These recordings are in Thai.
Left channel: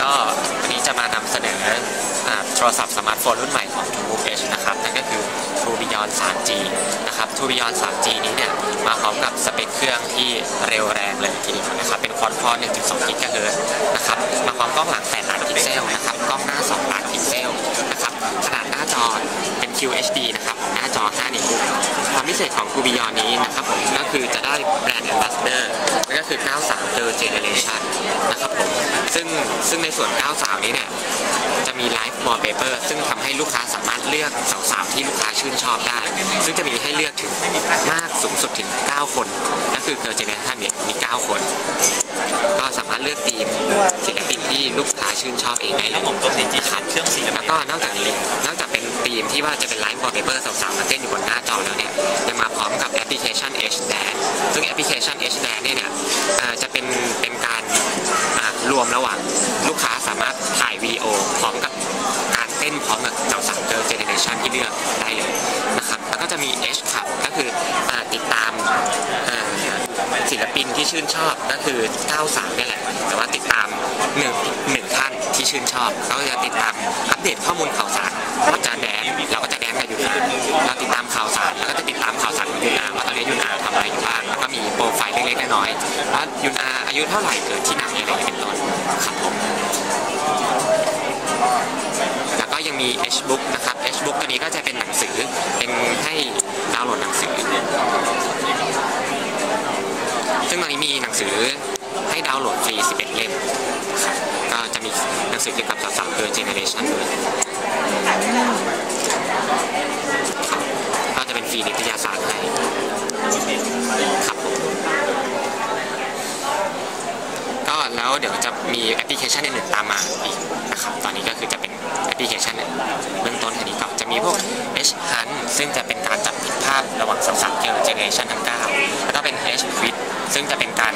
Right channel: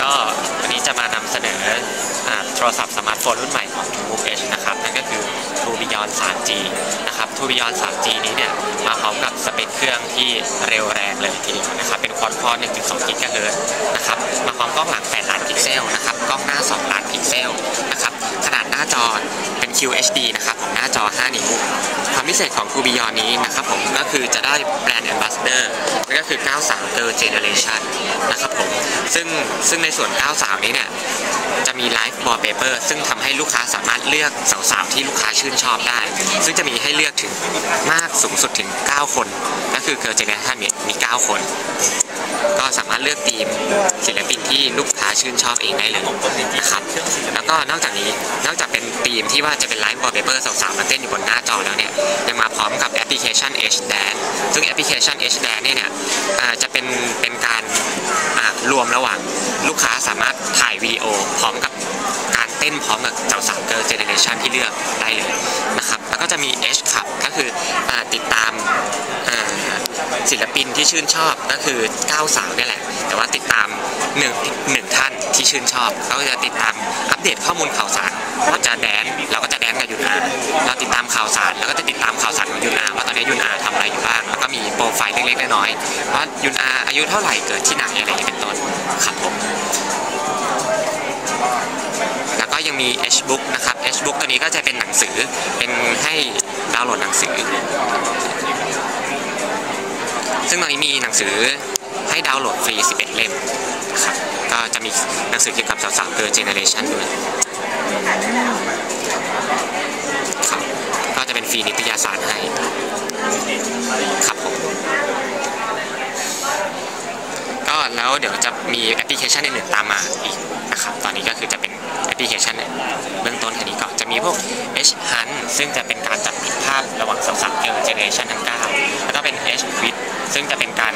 ก็วันนี้จะมานำเสนอโทรศัพท์สมาร์ทโฟนรุ่นใหม่ของ True Move Edge นะครับ นั่นก็คือ True Beyond 3G นะครับ True Beyond 3G นี้เนี่ย มาพร้อมกับสเปคเครื่องที่เร็วแรงเลยทีเดียวนะครับ เป็นควอดคอร์1.2กิกะเฮิร์นะครับ มาพร้อมกล้องหลัง 8 ล้านพิกเซลนะครับ กล้องหน้า 2 ล้านพิกเซลนะครับ ขนาดหน้าจอเป็น QHD พิเศษของ True Beyond นี้นะครับผมก็คือจะได้แบรนด์ Ambassador นั่นก็คือ 93 Third Generation นะครับผมซึ่งซึ่งในส่วน 93 นี้เนี่ยจะมีไลฟ์วอลเปเปอร์ซึ่งทำให้ลูกค้าสามารถเลือกสาวๆที่ลูกค้าชื่นชอบได้ ซึ่งจะมีให้เลือกถึงมากสูงสุดถึง 9 คนก็คือเกิร์ลเจเนอเรชันเนี่ยมี 9 คน ก็สามารถเลือกทีมศิลปิน ที่ลูกค้าชื่นชอบเองได้เลยนะครับแล้วก็นอกจากนี้นอกจากเป็นทีมที่ว่าจะเป็นไลฟ์วอลเปเปอร์สาวๆมาเต้นอยู่บนหน้าจอแล้วเนี่ยยังมาพร้อมกับแอปพลิเคชัน H Dance ซึ่งแอปพลิเคชัน H Dance เนี่ยเนี่ยจะเป็นเป็นการรวมระหว่างลูกค้าสามารถถ่ายวิดีโอพร้อมกับการเต้นพร้อมกับเจ้าสาวเกิร์ลเจเนเรชันที่เลือกได้เลย ศิลปินที่ชื่นชอบก็คือ93นี่แหละ แต่ว่าติดตามหนึ่งหนึ่งท่านที่ชื่นชอบเขาก็จะติดตามอัปเดตข้อมูลข่าวสารว่าจะแดนเราก็จะแดนกับยุนอาเราติดตามข่าวสารแล้วก็จะติดตามข่าวสารของยุนอาว่าตอนนี้ยุนอาทำอะไรอยู่บ้างแล้วก็มีโปรไฟล์เล็กๆน้อยๆว่ายุนอาอายุเท่าไหร่เกิดที่ไหนอะไรอย่างนี้เป็นต้นครับผมแล้วก็ยังมี H book นะครับ H book ตัวนี้ก็จะเป็นหนังสือเป็นให้ดาวน์โหลดหนังสือ ซึ่งตอนนี้มีหนังสือให้ดาวน์โหลดฟรี 11 เล่มครับก็จะมีหนังสือเกี่ยวกับสาวๆเกิร์ลเจเนเรชันด้วยครับก็จะเป็นฟรีนิตยสารให้ครับผมก็แล้วเดี๋ยวจะมีแอปพลิเคชันอื่นๆตามมาอีกนะครับตอนนี้ก็คือจะเป็นแอปพลิเคชันเบื้องต้นแค่นี้ก่อนจะมีพวก H Hunt ซึ่งจะเป็นการจับผิดภาพระหว่างสาวๆเกิร์ลเจเนเรชันทั้ง9แล้วก็เป็น ซึ่งจะเป็นการ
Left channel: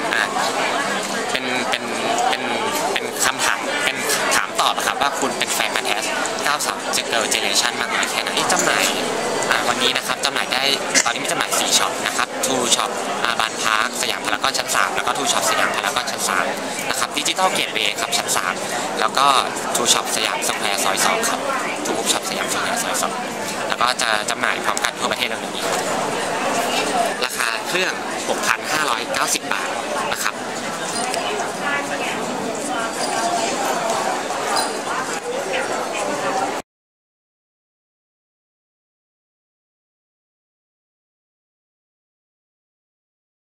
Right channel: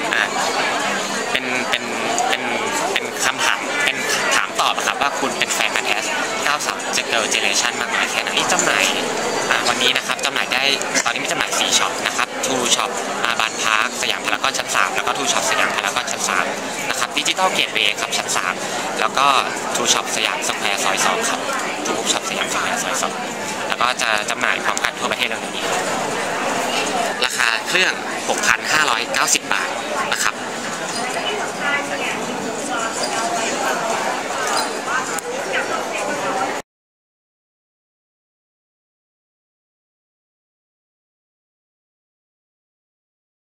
เป็นเป็นเป็นเป็นคำถามเป็นถามตอบอะครับว่าคุณเป็นแฟนมันแทส9สาวเกิร์ลเจเนเรชันมากน้อยแค่ไหนจำหน่ายวันนี้นะครับจำหน่ายได้ตอนนี้มีจำหน่าย 4ช็อปนะครับทูช็อปบานพาร์คสยามพารากอนชั้น 3 แล้วก็ทูช็อปสยามพารากอนชั้น3นะครับดิจิตอลเกตเวย์ครับชั้น 3 แล้วก็ทูช็อปสยามสแควร์ซอย 2 ครับทูบุ๊กช็อปสยามสแควร์ซอย 2 แล้วก็จะจำหน่ายพร้อมกันทั่วประเทศเร็วๆนี้ ราคาเครื่อง 6,590 บาทนะครับ